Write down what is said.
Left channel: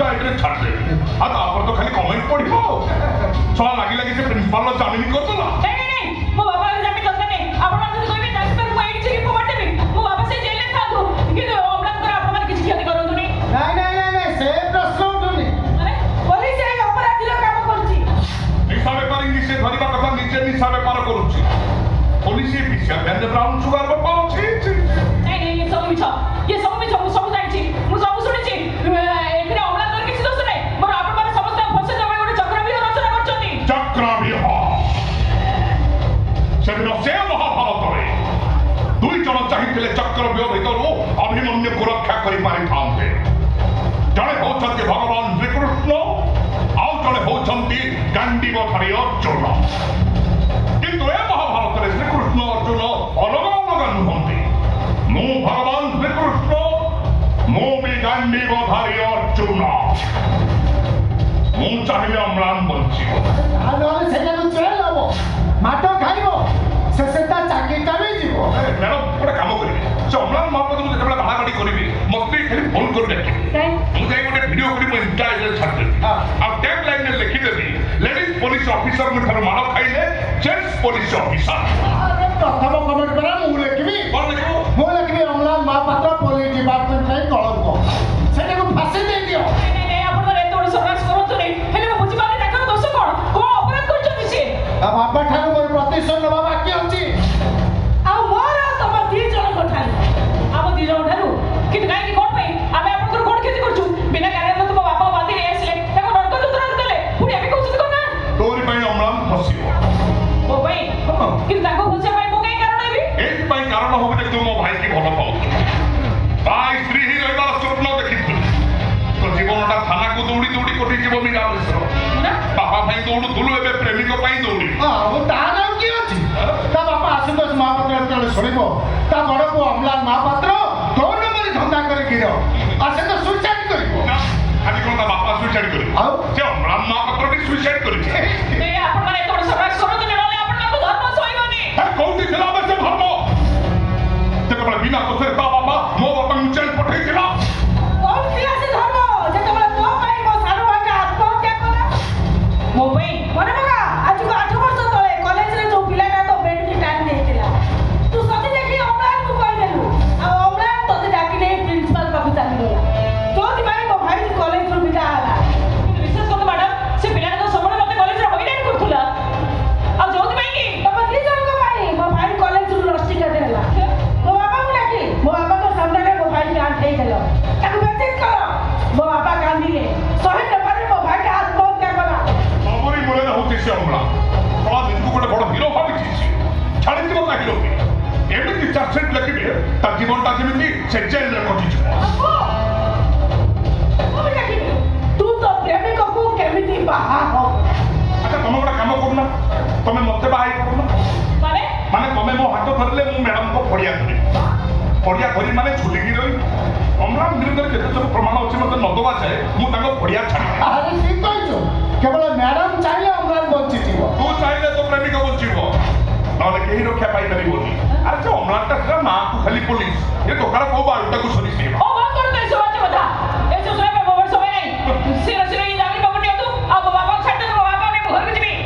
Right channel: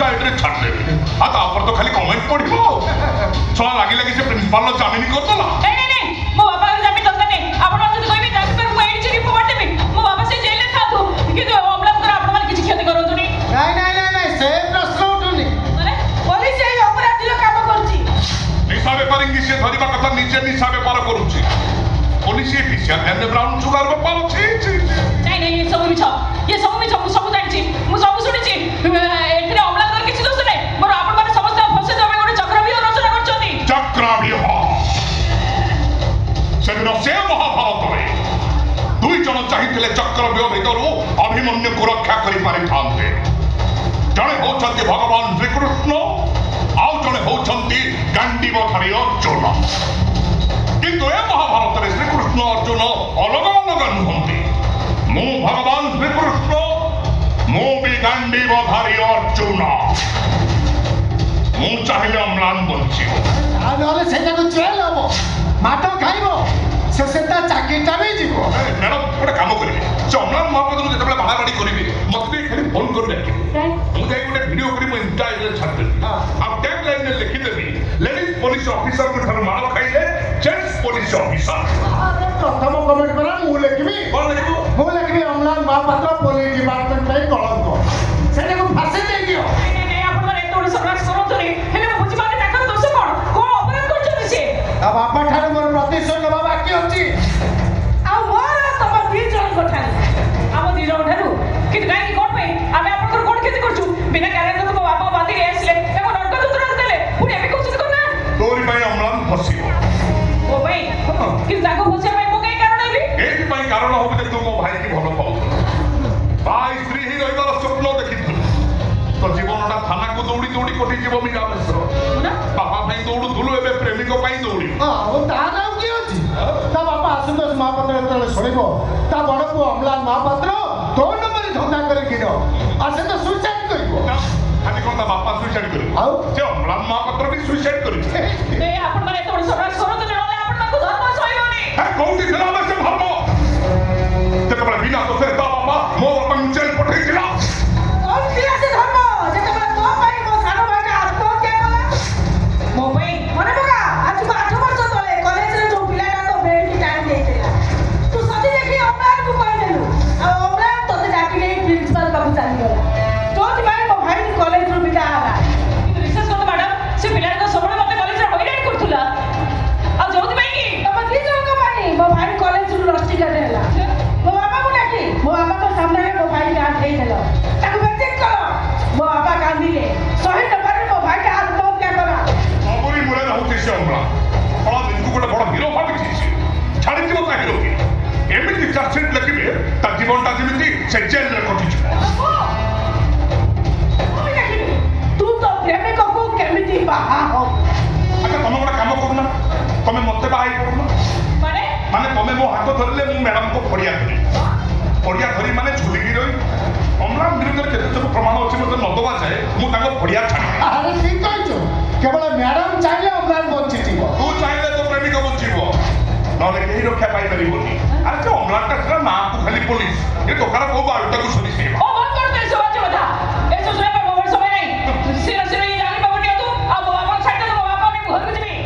ଇନଷ୍ଟାରେ ଛାଡ଼ିଦେବି ଆଉ ତାପରେ ତ ଖାଲି କମେଣ୍ଟ ପଡ଼ିବ ଛୁଆ ଲାଗି ଲାଗି ସେ ପ୍ରିନ୍ସିପାଲର ଜାମିନ କରିଦେଲା। ମୋ ବାପାର ଜାମିନ ଦରକାର ନାହିଁ। ଆପଣ ଯଦି କହିବେ ତାକୁ ମୁଁ ଏଇଠି ରିପୋର୍ଟ କରିଦେବି। ମୋ ବାପା ସେ ଜେଲରେ ଥାନ୍ତୁ କିନ୍ତୁ ଅମ୍ଳାନଙ୍କର ଆପଣମାନେ କିଛି କ୍ଷତି କରନ୍ତୁନି। ନାଇଁ ସେ ପ୍ରଶ୍ନ ଉଠୁନି। ମାନେ ପୋଲିସ ଏଇ ଅପରାଧୀର କାମ କରୁଛି। ନିଶା ବେପାରୀଙ୍କୁ ସେ ଧରିବା କଥା ନିଜେ ନିଶା ବେପାର କରୁଛି। ପୋଲିସ ଏ ପିସିଆର ଭ୍ୟାନରେ ବ୍ରାଉନ ସୁଗାର ବେପାର ଅଛି। ନାଇଁ ଏ ସବୁ ମିଛ। ମୁଁ ସବୁ ଜାଣିଛି। ମୁଁ ସବୁ ଶୁଣିଛି। ଏଥିରେ ଅମ୍ଳାନଙ୍କର କିଛି ଦୋଷ ନାହିଁ। ମୋର ଆପଣମାନେ ସମସ୍ତେ ଫସେଇ ଦେବା ଗୋଟେ ଚକ୍ରବ୍ୟୁହ ରଚନା କରିଛନ୍ତି। ଚକ୍ରବ୍ୟୁହ ସେଦିନ ସେ ମହାଭାରତରେ 2 ଜଣ ଚାହିଁଥିଲେ ଚକ୍ରବ୍ୟୁହ ଭିତରୁ ଅଭିମନ୍ୟୁକୁ ରକ୍ଷା କରିପାରିଥାନ୍ତେ। ଜଣେ ହେଉଛନ୍ତି ଭଗବାନ ଶ୍ରୀକୃଷ୍ଣ ଆଉ ଜଣେ ହେଉଛନ୍ତି ଗାଣ୍ଡିବଧାରୀ ଅର୍ଜୁନ। କିନ୍ତୁ ଏ ମହାଭାରତରେ ଶ୍ରୀକୃଷ୍ଣ ଅର୍ଜୁନ ଅଲଗା ଅଲଗା ନୁହନ୍ତି। ମୁଁ ଭଗବାନ ଶ୍ରୀକୃଷ୍ଣ ମୁଁ ବି ଗାଣ୍ଡିବଧାରୀ ଅର୍ଜୁନ। ମୁଁ ଚାହିଁଲେ ଅମ୍ଳାନ ବଞ୍ଚିବ। ନହେଲେ ସେଟାକୁ ଜେଲ୍ ହବ, ମାଟ ଖାଇବ, ସେ ତା ଚାକିରିଟା ବି ଯିବ। ମ୍ୟାଡ଼ାମ ଗୋଟେ କାମ କରିବି ସେ ଅମ୍ଳାନ ମହାପାତ୍ରକୁ ଯେତେବେଳେ ବାହାଗାଡ଼ି କରିବି ମତେ ଖାଲି ଫୋନ କରି ଡାକିବେ। ମୁଁ ଯାଇ ଗୋଟେ ଭିଡ଼ିଓ କରି ମୋ ଇନଷ୍ଟାରେ ଛାଡ଼ିଦେବି ଆଉ ଟ୍ୟାଗ୍ ଲାଇନରେ ଲେଖିଦେବି ଲେଡିଜ୍ ପୋଲିସ ଅଫିସରଙ୍କ ଠାରୁ ମାଡ଼ ଖାଇଲେ ଜେଣ୍ଟସ୍ ପୋଲିସ ଅଫିସର। ପ୍ରଥମ କମେଣ୍ଟ କରା ମୁଁ ଲେଖିବି। କ'ଣ ଲେଖିବୁ? ମୁଁ ଲେଖିବି ଅମ୍ଳାନ ମହାପାତ୍ର ପୋଲିସ ଡିପାର୍ଟମେଣ୍ଟ ପାଇଁ କଳଙ୍କ। ସେଟାକୁ ଫାଶୀ ଦେଇଦିଅ। ତା ବାପା ଠାରୁ ମୋର ପ୍ରତିଶୋଧ ନେବା ବାକି ଅଛି। ଆଉ ମୋର ତମ 2 ଜଣଙ୍କ ଠାରୁ ଆମ 2 ଜଣଙ୍କ ଠାରୁ କିନ୍ତୁ କାହିଁକି କ'ଣ ପାଇଁ ଆମେ ଆପଣଙ୍କର କ'ଣ କ୍ଷତି କରୁଛୁ? ବିନା କାରଣରେ ମୋ ବାପା ବାନ୍ଧିକି ଆସିଲେ ତାକୁ ରକ୍ତ ଯନ୍ତ୍ରଣା ଦେଲେ ପୁଣି ଆମେ କହୁଛନ୍ତି କ'ଣ ନା ତୋରି ପାଇଁ ଅମ୍ଳାନ ଫସିବ। ମୋ ପାଇଁ କିନ୍ତୁ ତାକୁ ବୁଝିବା ପାଇଁ ମୁଁ କାହିଁ କାରଣ ହେବି? ଏଇଥିପାଇଁ କାରଣ ହବ ଯେ ତୁ ମୋ ଭାଇକି ଭଲ ପାଉଥିଲୁ। ଭାଇ ସ୍ତ୍ରୀ ହିଁ ରହିବାର ସ୍ୱପ୍ନ ଦେଖିଥିଲୁ। ତ ଜୀବନଟା ଥାନାକୁ ଦୌଡ଼ି ଦୌଡ଼ି କୋଠି ଯିବ ନିରାମିଷ। ବାପା ପାଇଁ ଦୌଡ଼ୁଥିଲୁ ଏବେ ପ୍ରେମିକ ପାଇଁ ଦୌଡ଼ି। ଆଉ ତା ନାଁ କିଏ ଅଛି? ତା ବାପା ଆଶୁତୋଷ ମହାପାତ୍ର ଯେତେବେଳେ ଶୁଣିବ ତା ବଡ଼ ପୁଅ ଅମ୍ଳାନ ମହାପାତ୍ର 2 ନମ୍ବର ଧନ୍ଦା କରି କ୍ଷୀର ଆଉ ସେ ତ ସୁଇସାଇଡ୍ କରିବ। ଆଜି କ'ଣ ତା ବାପା ସୁଇସାଇଡ୍ କରିବ? ଆଉ ସେ ଅମ୍ଳାନ ମହାପାତ୍ର ବି ସୁଇସାଇଡ୍ କରିଛି। ଆପଣମାନେ ଏତେ ବଡ଼ ସମାଜ କରନ୍ତୁ ନହେଲେ ଆପଣମାନଙ୍କୁ ଧର୍ମ ସହିବନି। କୋଉଠି ଥିଲା ଆମେ ସେ ଧର୍ମ? ଯେତେବେଳେ ବିନା ଦୋଷରେ ତା ବାପା ମୋ ବାପାଙ୍କୁ ଜେଲ୍ ପଠେଇଥିଲା। ମୋ ପାଇଁ ମନେ ପକା ଆଜକୁ 8 ବର୍ଷ ତଳେ କଲେଜରେ ଯୋଉ ପିଲାଟା ତ ବେଲ୍ଟ ଟାଣି ଦେଇଥିଲା ତୁ ସତି ଦେଖି ଅମ୍ଳାନକୁ କହିଦେଲୁ ଆଉ ଅମ୍ଳାନ ତତେ ଡାକି ନେଇ ପ୍ରିନ୍ସିପାଲ ପାଖକୁ ଚାଲିଗଲା। ଯୋଉଥିପାଇଁ ମୋ ଭାଇ କଲେଜରୁ ବିଦା ହେଲା। କିନ୍ତୁ ବିଶେଷ କଥା ମ୍ୟାଡାମ ସେ ପିଲାଟା ତ ସବୁବେଳେ ମତେ କଲେଜରେ ହଇରାଣ କରୁଥିଲା ଆଉ ଯୋଉଥିପାଇଁ କି ତମ 2 ଜଣଙ୍କ ପାଇଁ ମୋ ଭାଇ କଲେଜରୁ ରଷ୍ଟିକେଟ୍ ହେଲା। ମୋ ବାପାକୁ ଡାକି ମୋ ବାପାଙ୍କ ସାମ୍ନାରେ ମୋ ଭାଇ ଡାଣ୍ଟ ଦେଇଦେଲ ତାକୁ ମେସେଜ କର। ମୋ ବାପା କାନ୍ଦିଲେ 100 ଟଙ୍କାରେ ମୋ ଭାଇଟା ଆତ୍ମହତ୍ୟା କଲା। ଅମରି ମୂଳେ ରହୁଛି ସେ ଅମ୍ଳାନ।